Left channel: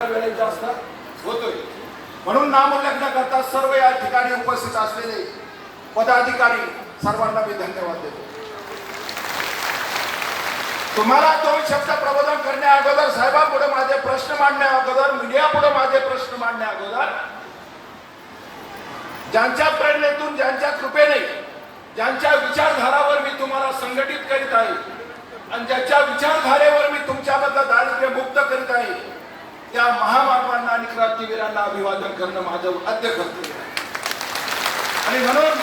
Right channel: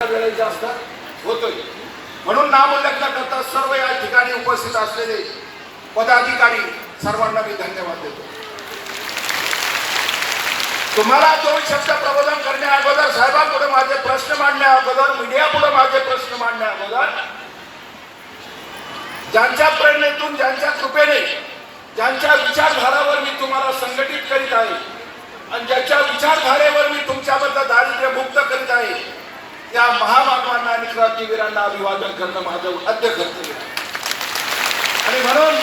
वेळेचे असतात होतोय म्हणून नामलग्न करता सर्व या ठिकाणी उपस्थित असलेले पदाधिकारी सर्वांना मी धन्यवाद देतो। तुम्हाला दोन शब्द प्रबोधन करण्या अगोदर साहेबांपुढे माझे प्रश्न मांडण्या अगोदर मीडियापुढे माझे प्रश्न मांडण्या अगोदर ज्यांच्या प्रेरणेतून ज्यांच्या कृपेने ज्यांच्या विचारधारावर मी तुम्हाला संघटित करीत आहे आणि ज्याच्या विचारधारेवर मी तुमच्याबद्दल दारिद्र्य मुक्त करीत आहे त्या महामानवांना आणि क्रांतीवीरांना अभिवादन करणं माझं आद्य कर्तव्य आहे। आणि म्हणून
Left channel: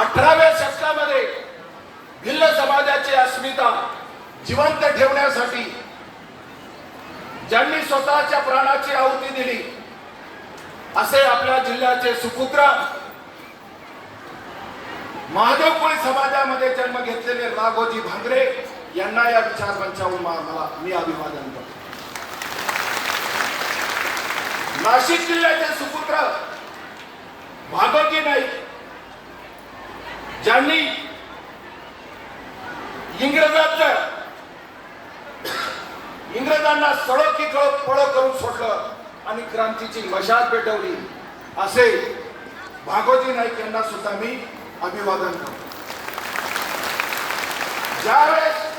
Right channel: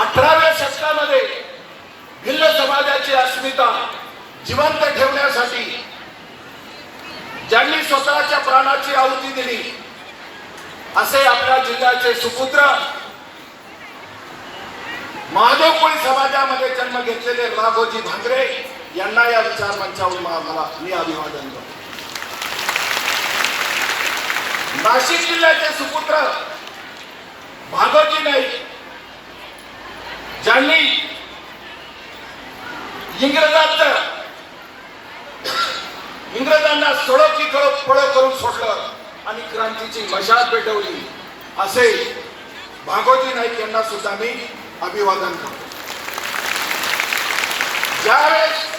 18व्या शतकामध्ये भिल्ल समाजाची अस्मिता जिवंत ठेवण्यासाठी ज्यांनी स्वतःच्या प्राणाची आहुती दिली असे आपल्या जिल्ह्याचे सुपुत्र महादेव कोळी समाजामध्ये जन्म घेतलेले राघोजी भांगरे यांना या विचार मंचावर मी अभिवादन करतो। नाशिक जिल्ह्याचे सुपुत्र भागोजी नाईक ज्यांनी इंग्रजांना सडोकी पळ करून सोडलं आणि क्रांतीची मशाल पेटवली असे भागोजी नाईक यांना सुद्धा मी अभिवादन करतो। ज्यावेळेस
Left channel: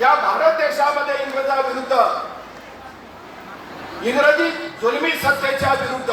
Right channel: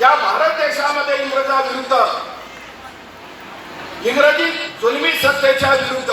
या भारत देशामध्ये इंग्रजाविरुद्ध इंग्रजी जुलमी सत्तेच्या विरुद्ध